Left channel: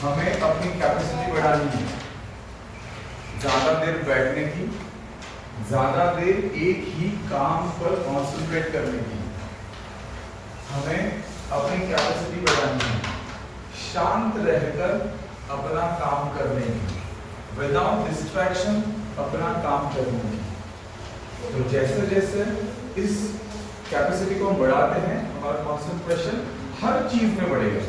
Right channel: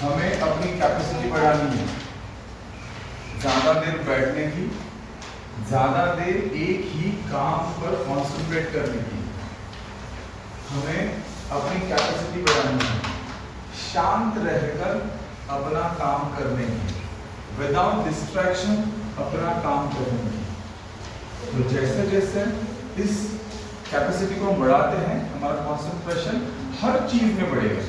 हमें अपनी कैपेसिटी बढ़ानी है, ज्यादा देर बैठने की, ज्यादा देर एक ही काम पर कॉन्सेंट्रेट करने की। हमें अपनी कैपेसिटी बढ़ानी है, शांत रहकर अपना काम करने की, विदाउट डिस्ट्रैक्शन अपना काम करने की। तो जैसे जैसे इस कैपेसिटी को हम बढ़ाते हैं, हमारा कॉन्सेंट्रेशन हर चीज में बढ़ेगा।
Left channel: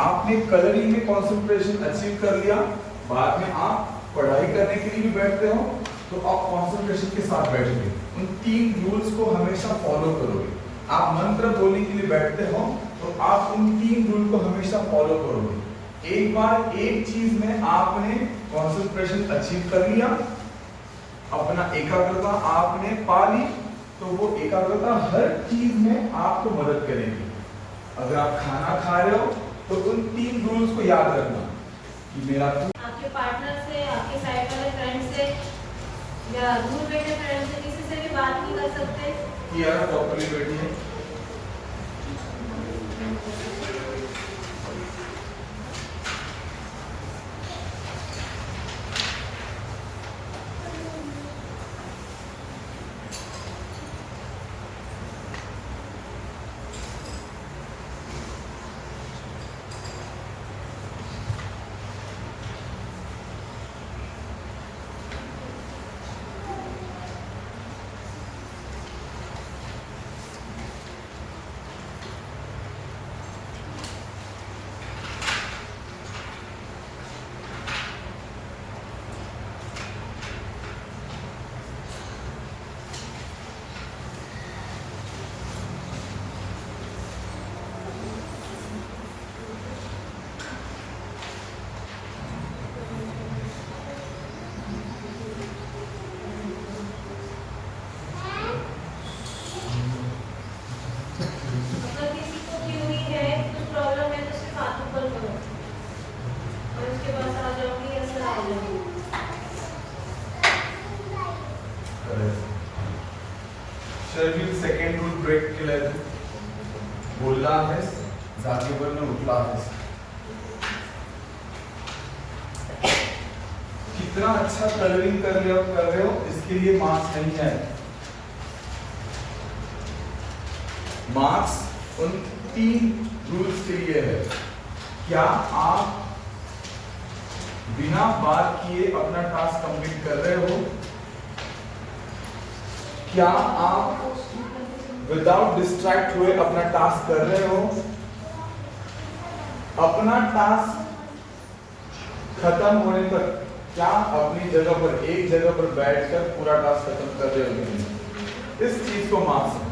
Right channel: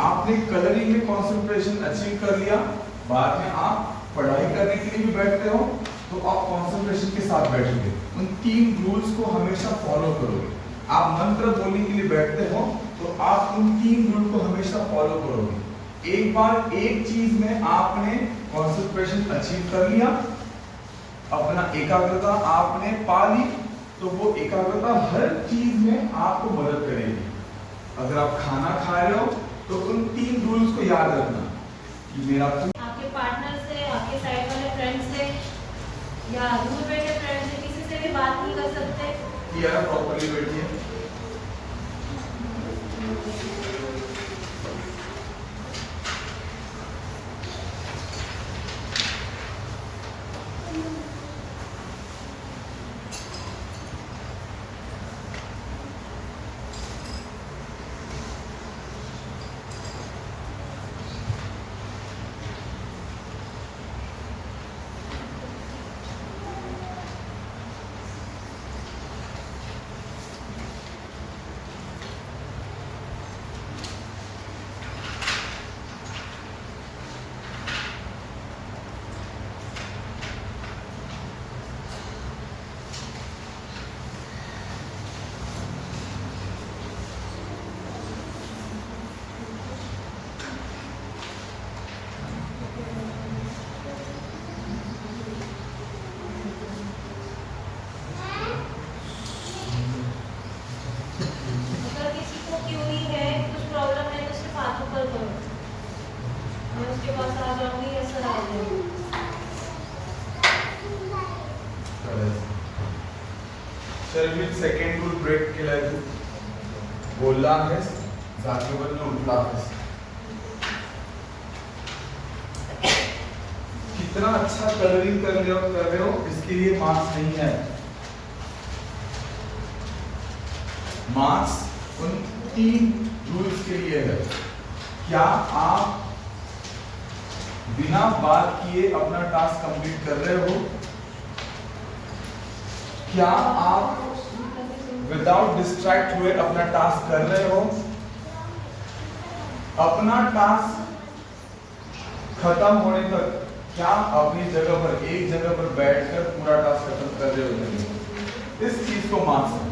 आपने कलरिंग में कॉन्सेंट्रेशन अचीव कर लिया, बाद में आप पढ़ाई करने के लिए भी बैठते हो तो आप कॉन्सेंट्रेशन के साथ बैठोगे, उन 3 रूल्स को हमेशा फॉलो करोगे। आप मंत्र बोलने के लिए बैठते हो तो आप उन 3 रूल को हमेशा फॉलो करोगे। एक बार एक चीज में आपने कॉन्सेंट्रेशन अचीव कर लिया, अपना एकाग्रता आपने पा ली, तो वो एकाग्रता हर चीज में आपको मदद करेगी। अगर आप खाना खा रहे हो तो उन 3 रूल्स को याद रखना कि मेरा आपके पार्टनर से, आपके साइड वाले फ्रेंड से या दूर बैठे फ्रेंड से किसी से भी बात नहीं कर सकते? यार प्रॉपर्ली बैठिए। सेकंड रूल ब्रेक केला बोलला आहेस, जागेवरनं उठला आहेस। कितना अच्छा कलरिंग कर रहे हो इसके लिए मार्क्स नहीं है। मार्क्स उन 3 रूल्स के लिए है। क्या आप बिना बात किए अपना टास्क कंप्लीट कर रहे हो? क्या आप विदाउट डिस्ट्रैक्ट हुए अपना टास्क कर रहे हो? अपना टास्क खत्म होने तक क्या अपनी जगह पर, एक जगह पर बैठकर पूरा टास्क खत्म कर रहे हो नहीं? इस चीज को मार्क्स है।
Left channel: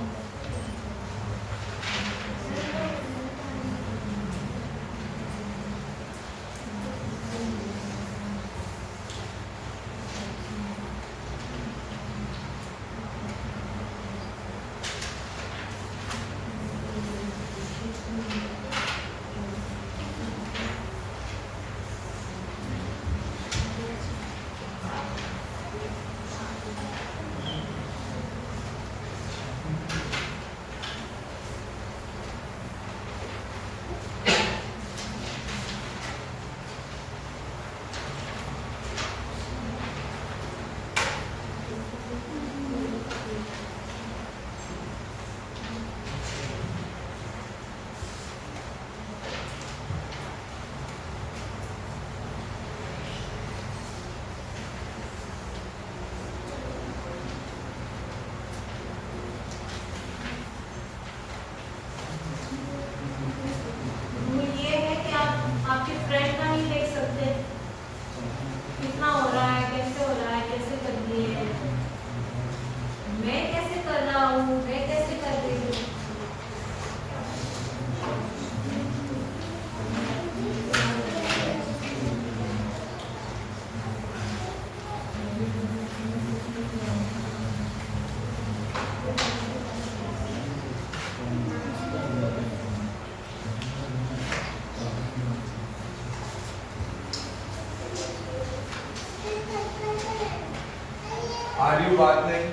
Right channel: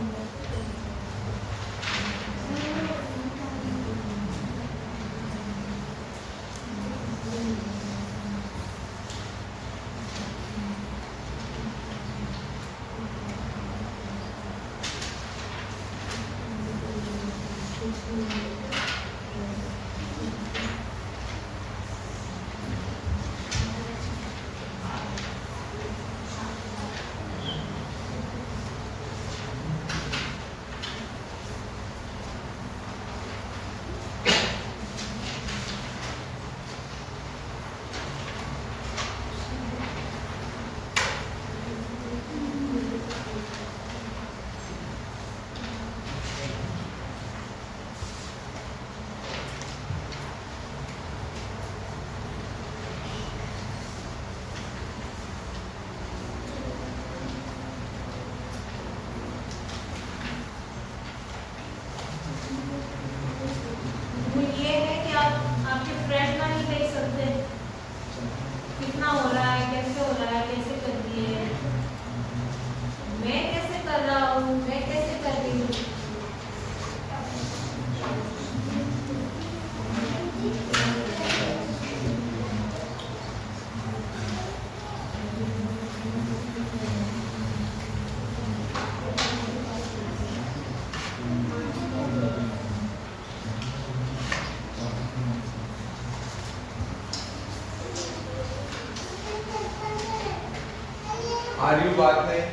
आर यू बात नहीं?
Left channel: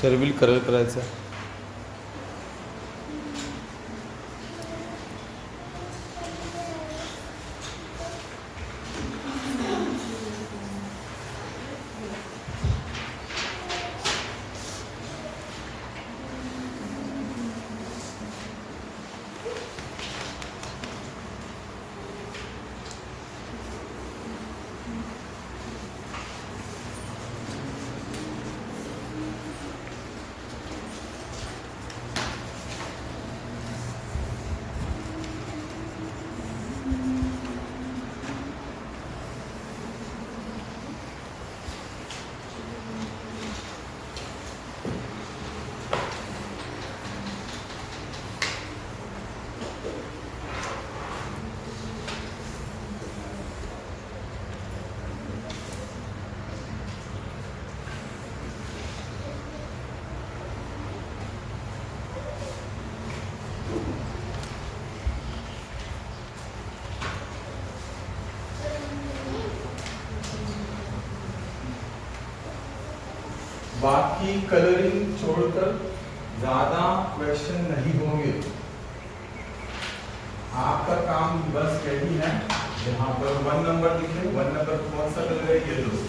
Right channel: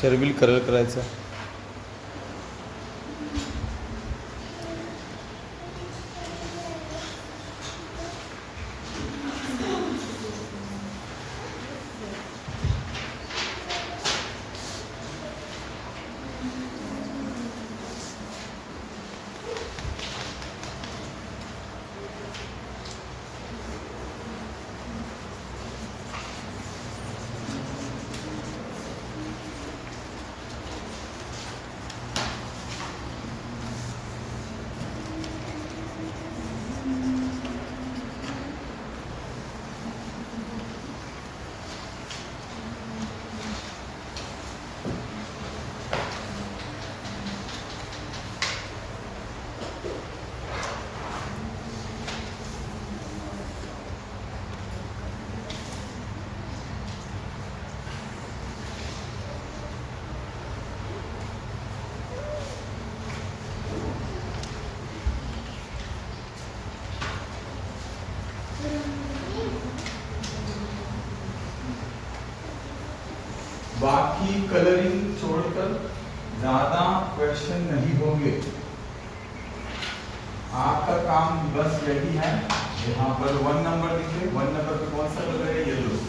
शेरबिल कलर करायचा. बाकी कलरिंग छोड़कर ज्यादा क्वेश्चन नहीं होंगे. आपका काम बस रेडी है. यहाँ पर 1 नंबर लिखे. 1 नंबर पर कौन सा कलर है? येलो.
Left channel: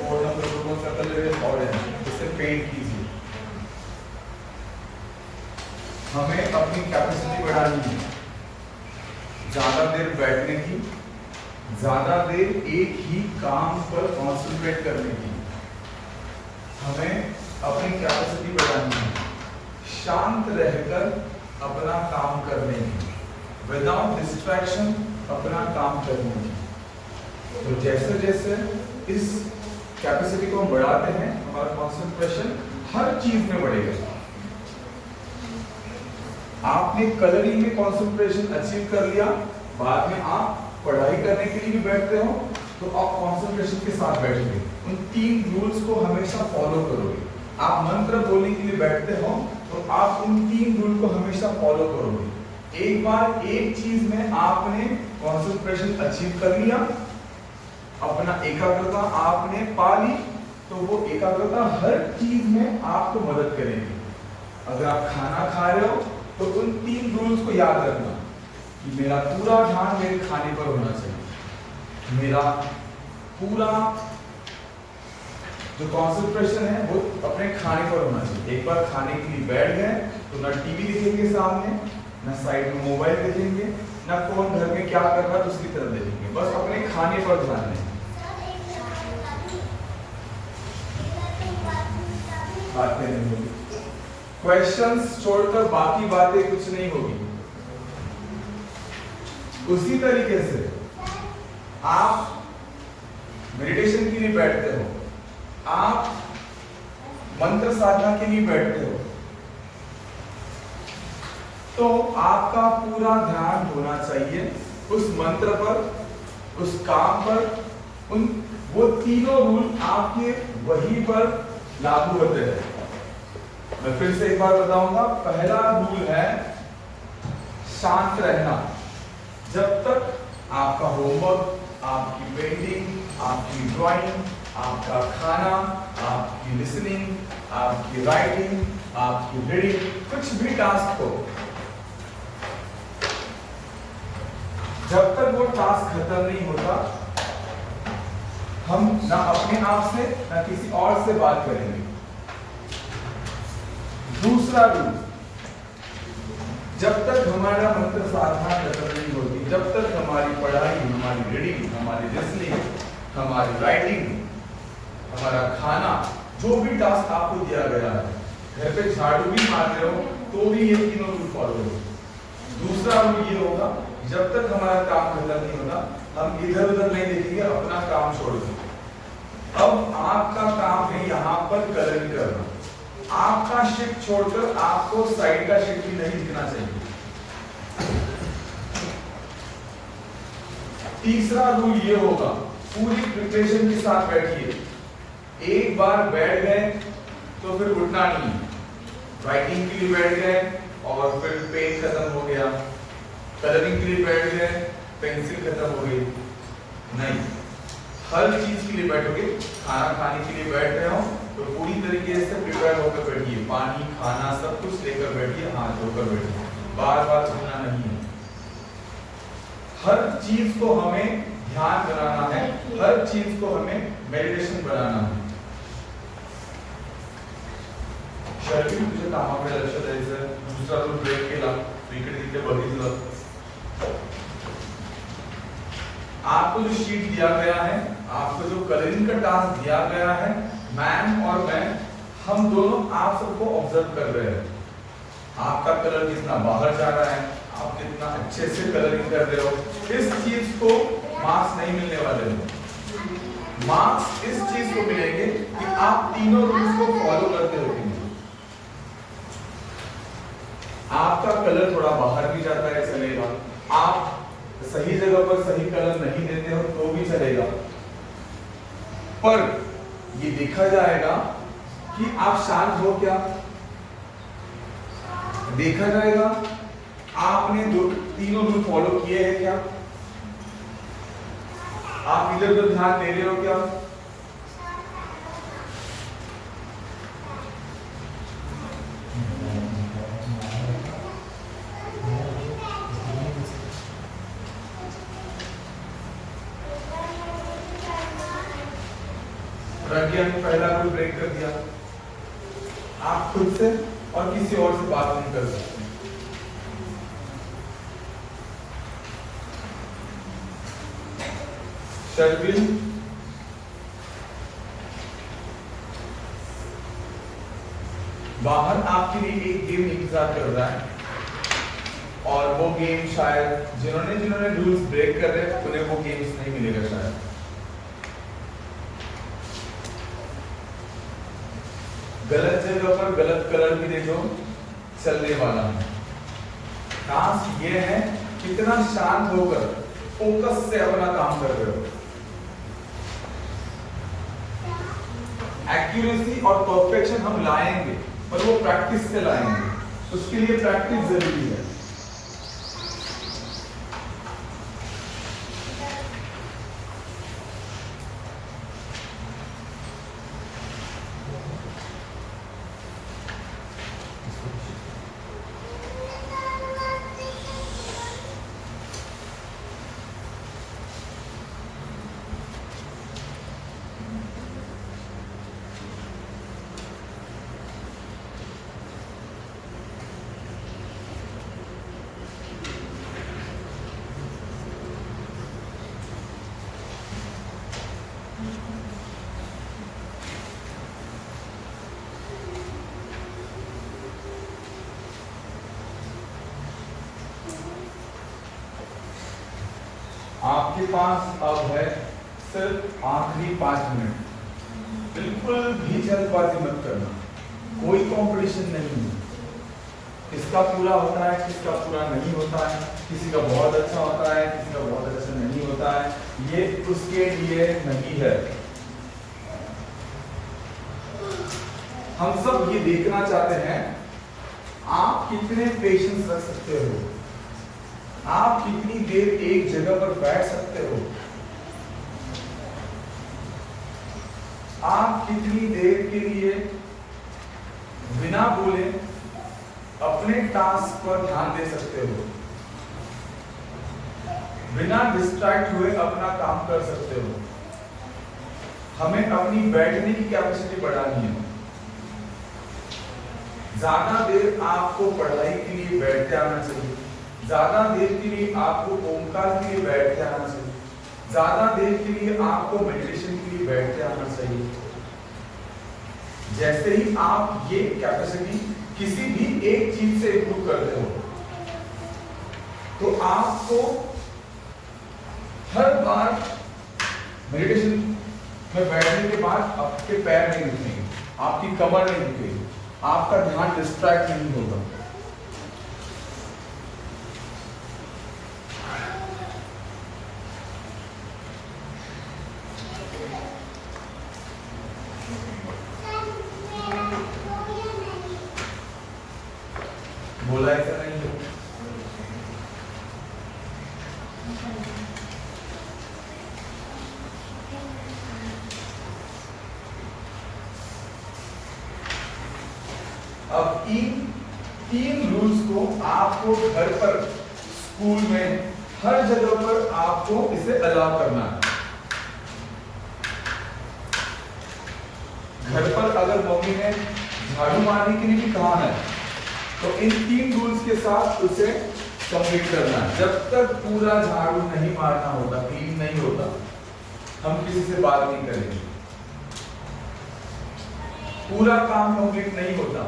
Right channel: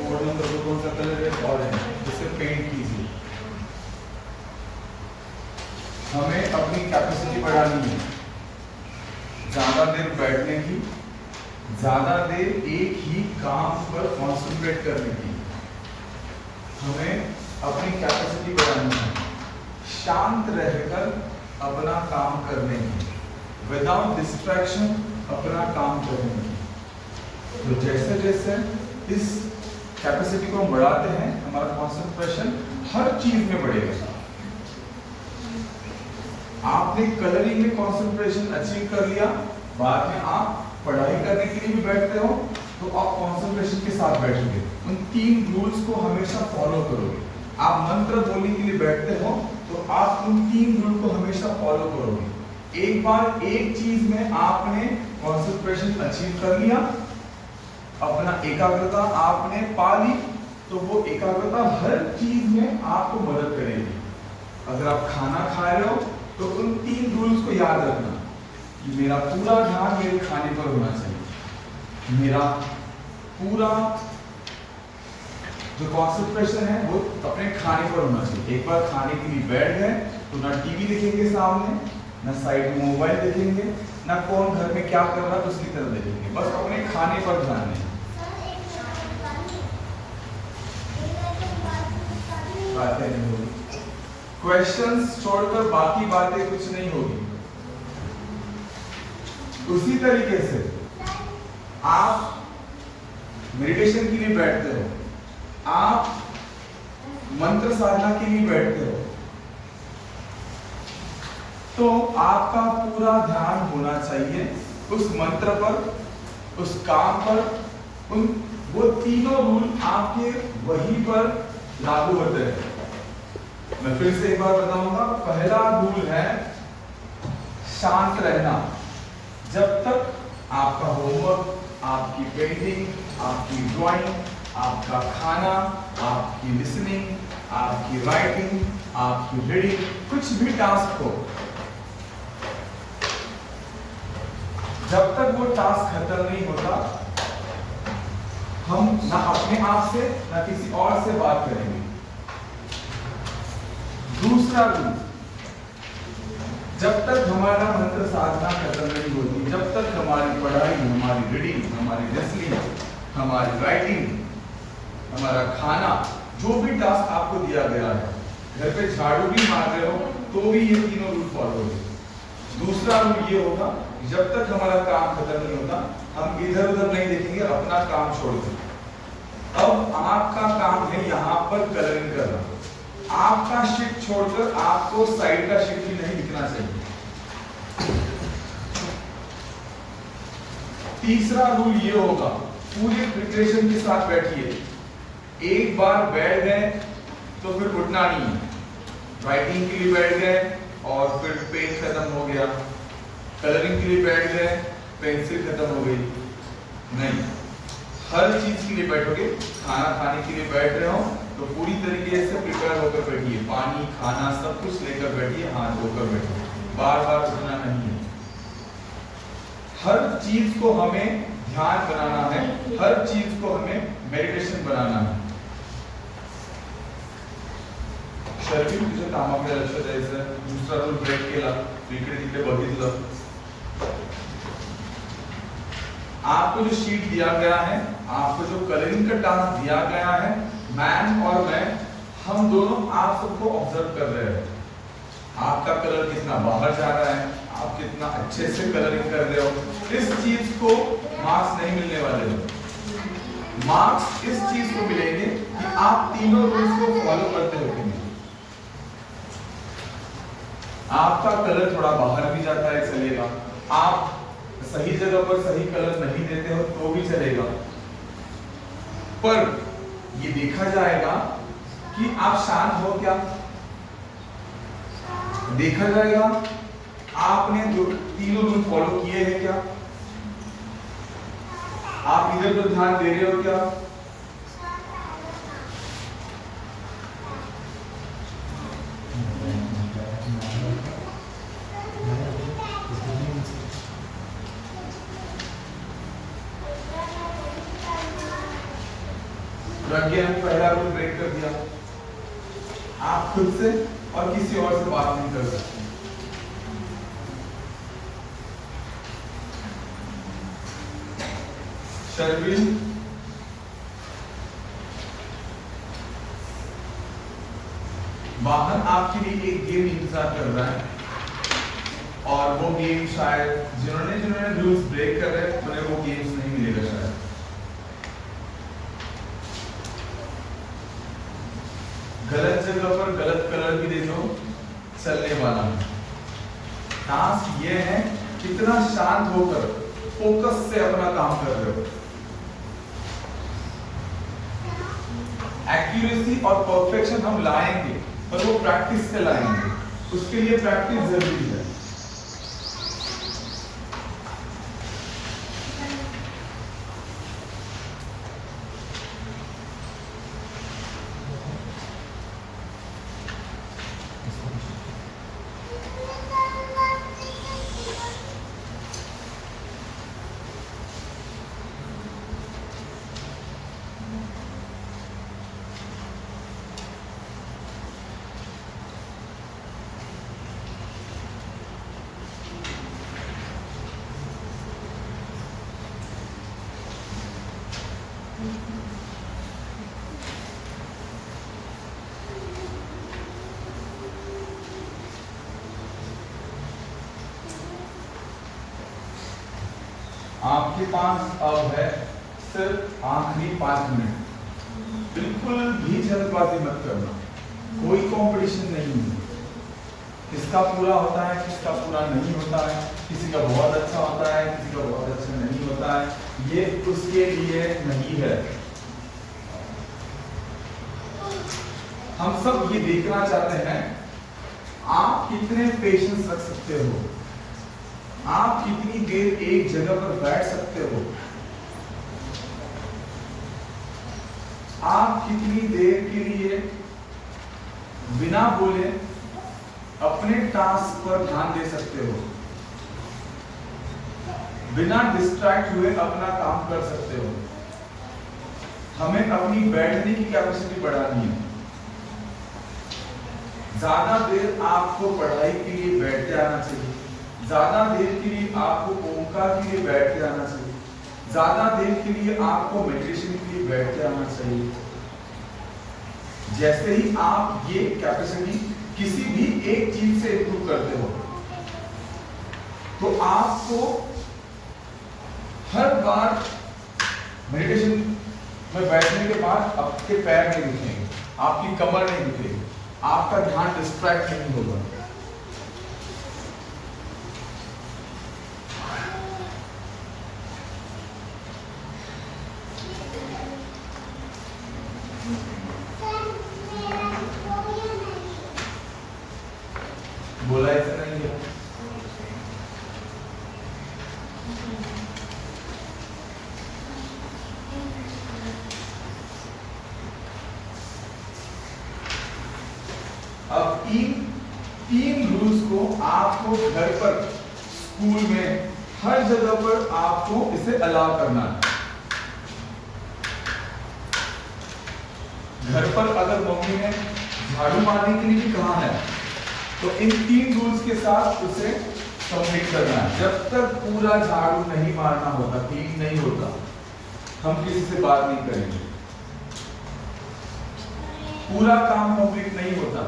4 नंबर पर कौन सा कलर है? ऑरेंज. इसे पेंट कीजिए. हमें अपनी कैपेसिटी बढ़ानी है. ज्यादा देर बैठने की, ज्यादा देर एक ही काम पर कॉन्सेंट्रेट करने की. हमें अपनी कैपेसिटी बढ़ानी है. शांत रहकर अपना काम करने की, विदाउट डिस्ट्रैक्शन अपना काम करने की. तो जैसे जैसे इस कैपेसिटी को बढ़ाते हैं हमारा कंसंट्रेशन हर चीज में बढ़ेगा. आपने कलरिंग में कंसंट्रेशन अचीव कर लिया. बाद में आप पढ़ाई करने के लिए भी बैठते हो तो आप कंसंट्रेशन के साथ बैठोगे. उन 3 रूल्स को हमेशा फॉलो करोगे. आप मंत्र बोलने के लिए बैठते हो तो आप उन 3 रूल को हमेशा फॉलो करोगे. एक बार एक चीज में आपने कंसंट्रेशन अचीव कर लिया, अपना एकाग्रता आपने पा ली, तो वो एकाग्रता हर चीज में आपको मदद करेगी. अगर आप खाना खा रहे हो तो उन 3 रूल्स को याद रखना कि मेरा पूरा ध्यान मेरे खाने पर होना चाहिए. मेरा पूरा जो कंसंट्रेशन है वो अपने खाने पर होना चाहिए. एक बार खाने के लिए बैठ गए तो ना टीवी देखेंगे सामने, ना साइड में मोबाइल देखेंगे, ना कौन घर में क्या कर रहा है उसकी तरफ देखेंगे. बस अपने खाने पर ध्यान दें. बातें नहीं होगी. क्वेश्चंस छोड़कर बाकी बातें कुछ नहीं होगी. उसी तरीके से आप मेडिटेशन के लिए बैठते हो, आप मंत्र साधना के लिए बैठते हो, तो आपका पूरा ध्यान होना चाहिए उस मंत्र पर, उस काम पर. वो तीनों रूल आपके वहीं पर लागू होते हैं. मैं फिर से एक बार बताऊंगा. पहला रूल है शांत रहना. जब तक आपका होमवर्क, आपकी पेंटिंग, आपकी ड्राइंग, आपका खाना, आपकी लिसनिंग, आपकी राइटिंग, आपकी रीडिंग, कुछ भी टास्क हो, जब तक वो टास्क खत्म नहीं होता हम ना अपने आप से ना किसी और से बात करेंगे. दूसरा रूल, जब तक हमारा मंत्र साधना खत्म नहीं होती, जब तक हमारी पढ़ाई, हमारी रीडिंग, हमारी लिसनिंग, हमारी राइटिंग, हमारा खाना, जो भी टास्क आपको दिया गया है, घर पे झाड़ू भी मार रहे हो तो भी ये तीनों रूल फॉलो होंगे. दूसरा रूल ये होगा, जब तक हमारा काम खत्म नहीं होता हम इधर उधर नहीं देखेंगे, अपना काम छोड़ देंगे. अब आपका काम है यहाँ पर कलरिंग करना. आपका शिफ्ट छोड़कर आपको साइड का शिफ्ट भी नहीं दिखना चाहिए. तीसरा रूल ये होगा, पूरी प्रिपरेशन के साथ बैठिए. एक बार बैठ गए तो फिर उठना नहीं है. राइटिंग के लिए बैठ गए और फिर पेन खत्म हो गया, कलरिंग के लिए बैठ गए पेंसिल खत्म हो गई, नहीं. हर चीज के लिए बैठोगे. खाना खाने के लिए बैठ रहे हो तो पूरी तरीके से प्रिपेयर होकर बैठिए. शांत होकर बैठो, बार बार उठना नहीं है। हर चीज को हमें ध्यान बनाना है, हर चीज को हमें मेडिटेशन बनाना है। शरीर तुझे कामाकडे लक्ष द्यायचं, दुसरा तो ब्रेक केला, इकडे तिकडे बघितलं। आपको जो शीट दिया गया है, आपको जो कलरिंग का टास्क दिया गया है, मैम और मैं, हम दोनों आप सबको ऑब्जर्व कर रहे हैं। आपका कलर कितना बाहर जा रहा है, आप कितना अच्छे से कलरिंग कर रहे हो। इस चीज को मार्क्स नहीं मिलने वाले हैं। मार्क्स इस चीज को मिलेंगे कि आप तीनों रूल्स को फॉलो करते हो कि नहीं। आपका कलर थोड़ा बाहर भी जाता है, चलेगा। आप सही जगह पर सही कलर नहीं देते हो तो भी चलेगा, पर ये देखा जाएगा कि आप शांत हो क्या। देखा जाएगा आपने जो तीनों रूल फॉलो किए हैं क्या, आप इधर उधर ध्यान दे रहे हो क्या। प्रज्ञा ने पहला रूल ब्रेक कर दिया। आप खुद से और किसी और से बात नहीं कर सकते। शर्विन वाहन आपके लिए एक गेम इंतजार कर रहा है, और वो गेम शायद जिन्होंने रूल्स ब्रेक कर रहे हैं उन्हें वो गेम्स नहीं मिलेगा शायद। गलत जगह पर गलत कलर भी देखो चलने वाला है। टास्क ये है कितना शांत होकर फोकस से अपना काम कर रहे हो। एक्यूरेसी और परफेक्शन हम लाएंगे, पर वो प्रैक्टिस से लाएंगे, उसके लिए प्रैक्टिस जरूरी है। आपके पास अब है सिर्फ आखिरी 5 मिनट। बिल्कुल भी जल्दबाजी मत करना, कोई कंपटीशन नहीं है। किसका पूरा होता है, किसका पूरा नहीं होता है, किसी का बहुत अच्छा होता है, किसी का बहुत अच्छा नहीं होता है, ये उसके लिए नहीं है। हम सब ये देखना चाहते हैं आप कितने पेशेंस रख सकते हो, आप कितनी देर एक जगह पर बैठ सकते हो, आप कितनी देर के लिए बिना बोले अपने टास्क पर ध्यान दे सकते हो, बिना डिस्ट्रैक्ट हुए अपना काम कर सकते हो। हमें अपनी बैठने की कैपेसिटी बढ़ानी है। ज्यादा देर आपको पढ़ाई के लिए बैठ के आना चाहिए, ज्यादा देर के लिए आपको ओमकार के लिए बैठ के आना चाहिए, ज्यादा देर के लिए आपको मेडिटेशन के लिए बैठ के आना चाहिए। जैसे ही आप ये कैपेसिटी किसी भी एक चीज से इंप्रूव करते हो, तो आपको हर बार मेडिटेशन में बैठने के बाद आपके पैर नहीं दिखेंगे, आपकी कमर नहीं दिखेगी, आपका ध्यान डिस्ट्रैक्ट नहीं होगा। बोला ऐसा नहीं है। अब आपको घर पर, स्कूल में, हर जगह पर आपको इसे अलाउ करना है। घर पर अगर मम्मी ने झाड़ू मारने के लिए भी कहा है तो इन 3 रूल्स के साथ उसे सबमिट करना है। जब तक पूरा झाड़ू नहीं मारना होता, क्लीन नहीं होता, हम किसी से बात नहीं करेंगे। पूरा काम कंप्लीट नहीं होता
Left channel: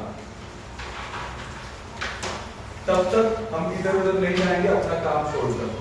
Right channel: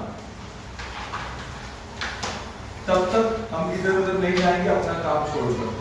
तब तक हम इधर उधर नहीं जाएंगे अपना काम छोड़कर।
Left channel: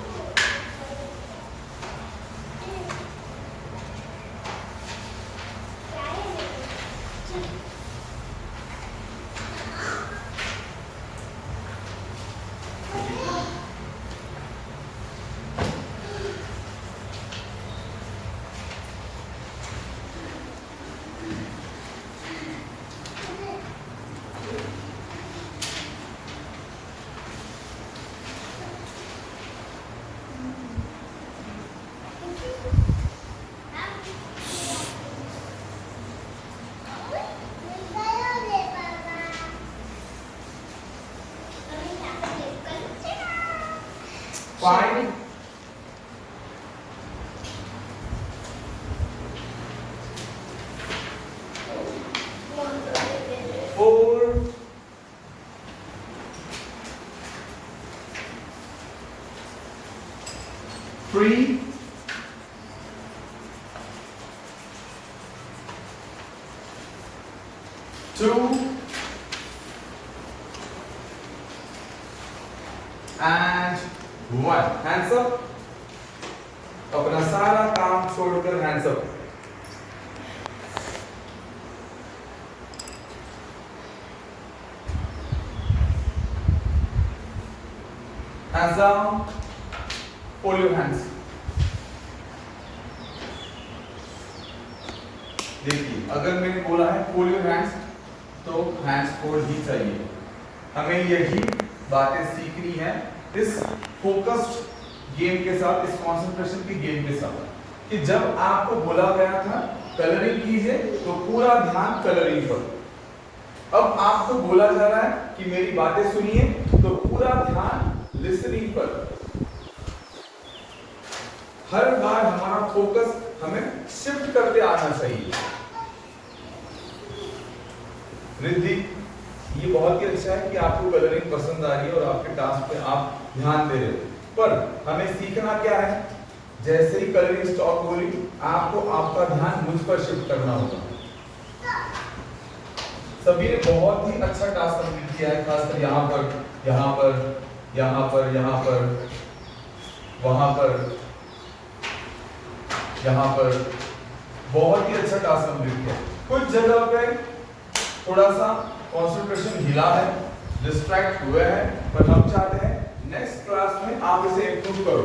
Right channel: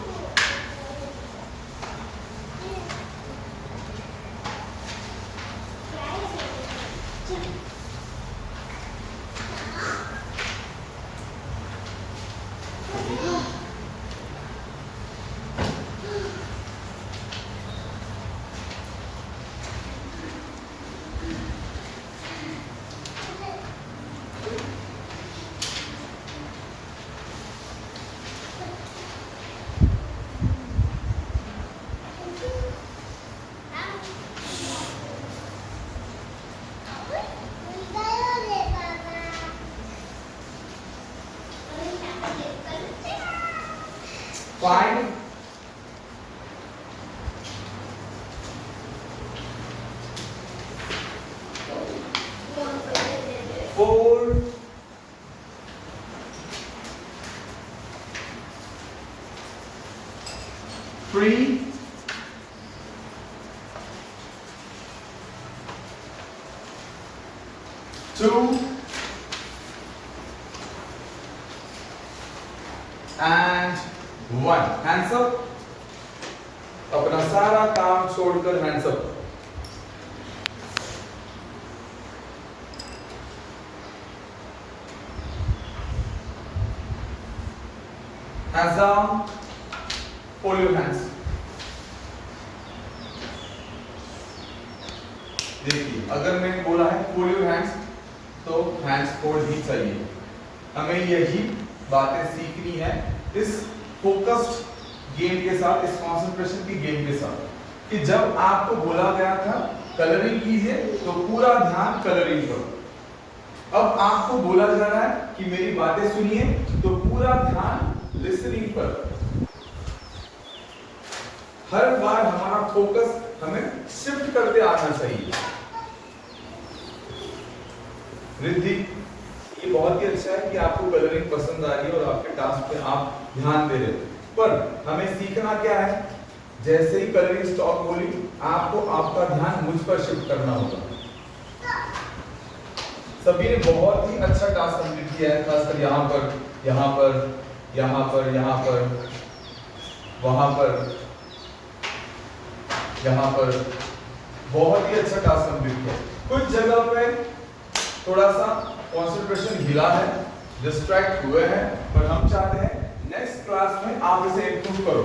Five, 4, 3, 2, and 1. Hands up. अपना सारा काम छोड़कर hands up. Hands down. Fold your hands. देखिए, अगर मैंने बोला है fold your hands, तो हैंड्स फोल्ड ही चाहिए। हमें यही बातें सीखनी है इस फोकस्ड गेम के साथ, इस कंसंट्रेशन की गेम के साथ, कि जब आपको बोला गया था कलरिंग कीजिए तो पूरा ध्यान कलरिंग पर। अब आपको बोला जा रहा है कि मेरी बातें सुनिए तो पूरा ध्यान लिसनिंग पर। हर बार हमारा फोकस हमें शिफ्ट करते आना चाहिए। रिद्धि, ये बहुत ही अच्छा है कि आपको कलरिंग पसंद आ रही है और आपके टास्क पे आप ध्यान दे रहे हो, पर हमें सीखना क्या है, जैसे ही कलरिंग स्टॉप बोली आपको आपका ध्यान मुझ पर शिफ्ट करना होगा। सभी ने बहुत ही अच्छा टास्क कंप्लीट किया है, खासकर यहाँ पर, यहाँ पर, यहाँ पर, यहाँ पर, वहां पर, यहाँ पर, बहुत ही अच्छा टास्क कंप्लीट किया। कुछ जगह पे थोड़ा सा कंसंट्रेशन हिला है, डिस्ट्रैक्ट हुए हैं, पर हम चाहते हैं नेक्स्ट क्लास में आप इसे इंप्रूव करो।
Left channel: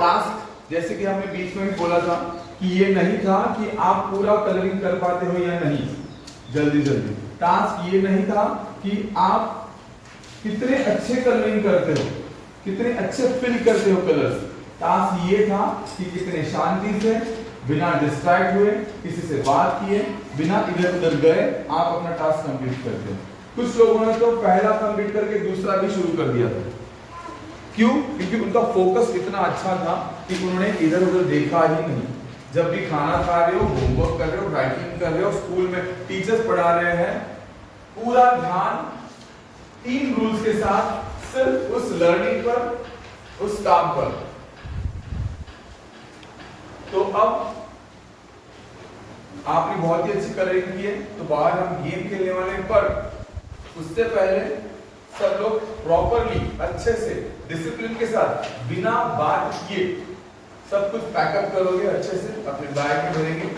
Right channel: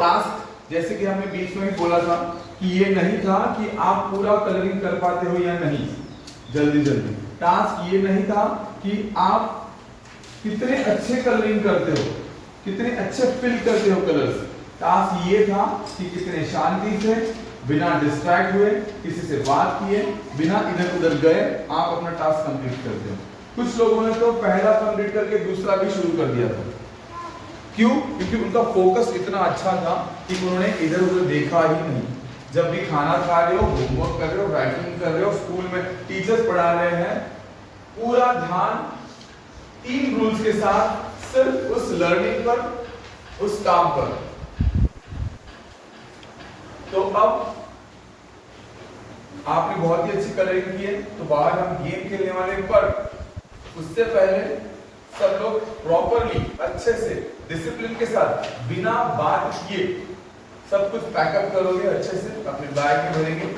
टास्क जैसे कि हमने बीच में भी बोला था कि ये नहीं था कि आप पूरा कलरिंग कर पाते हो या नहीं जल्दी जल्दी। टास्क ये नहीं था कि आप कितने अच्छे कलरिंग करते हो, कितने अच्छे फिल करते हो कलर्स। टास्क ये था कि कितने शांति से, बिना डिस्ट्रैक्ट हुए, किसी से बात किए, बिना इधर उधर गए आप अपना टास्क कंप्लीट करते हो। कुछ लोगों ने तो पहला कंप्लीट करके दूसरा भी शुरू कर दिया था। क्यों? क्योंकि उनका फोकस इतना अच्छा था कि उन्होंने इधर उधर देखा ही नहीं। जब भी खाना खा रहे हो, होमवर्क कर रहे हो, राइटिंग कर रहे हो, स्कूल में टीचर्स पढ़ा रहे हैं, पूरा ध्यान 3 रूल्स के साथ सिर्फ उस लर्निंग पर, उस काम पर। तो अब आपने बहुत ही अच्छी कलरिंग की है, तो बाहर हम गेम खेलने वाले हैं, पर उससे पहले सब लोग प्रॉपरली, अच्छे से, डिसिप्लिन के साथ, बिना बात किए सब कुछ पैकअप करोगे अच्छे से, अपने बैग में भरेंगे।